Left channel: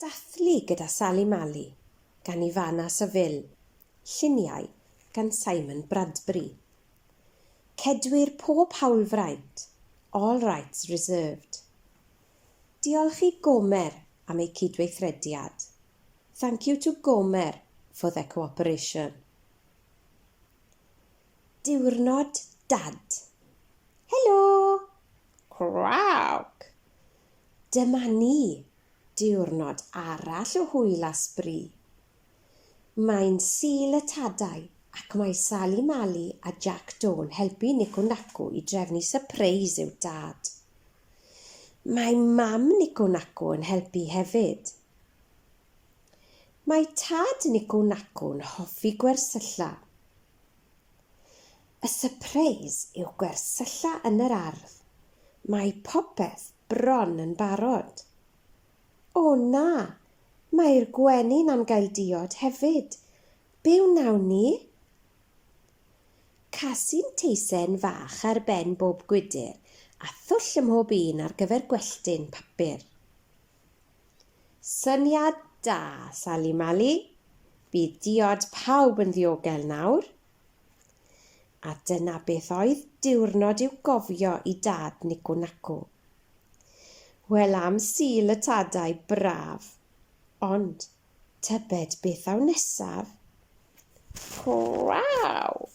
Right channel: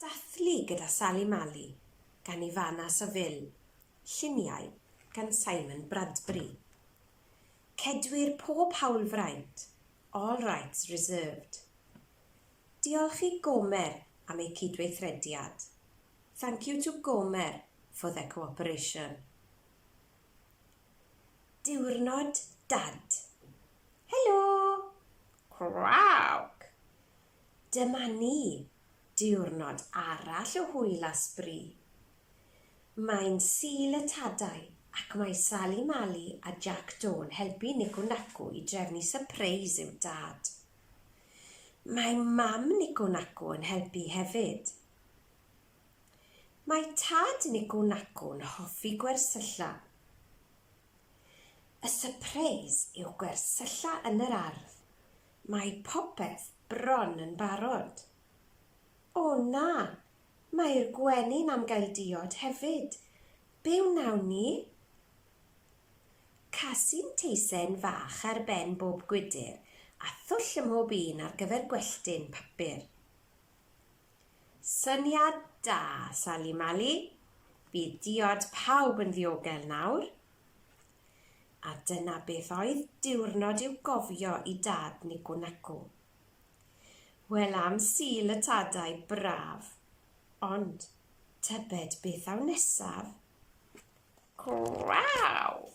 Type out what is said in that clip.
Dathlu gyda Sally Mali, gan Ivana Saville. Lluniau gan Simon Bradbury. Cedwir pob hawlfraint, all rights reserved. Diolch i Gomer am ei cydweithrediad. Thank you to Gomer for their cooperation. Diwrnod Dad. Helo! Crawc! Dyma ni, diwrnod arall o hwyl a sbri. Mae'n Sul y Tadau ac mae Sally Mali a Jack Dawn helpu Nico Naco i drefnu sypreis i'w dad. Mae mam Nico Naco yn helpu hefyd. Mae tad Nico Naco yn hoffi gwersylla. Y sypreis yw gwersylla yn yr ardd. Mae popeth bron yn barod. O na, mae'r gwenyn am gael diod hefyd. Be wnawn ni? Casyn teisen fach ar ben bob gwydr a thwll ym mhob un ar gyfer gwelltyn papur. Syniad da, Sally Mali. Bydd diod pawb yn ddiogel nawr. A dyna beth oedd diwrnod i'w gofio i dad Nico Naco. Wel am Sul y Tadau braf, ond tybed beth aw nesaf? Craw!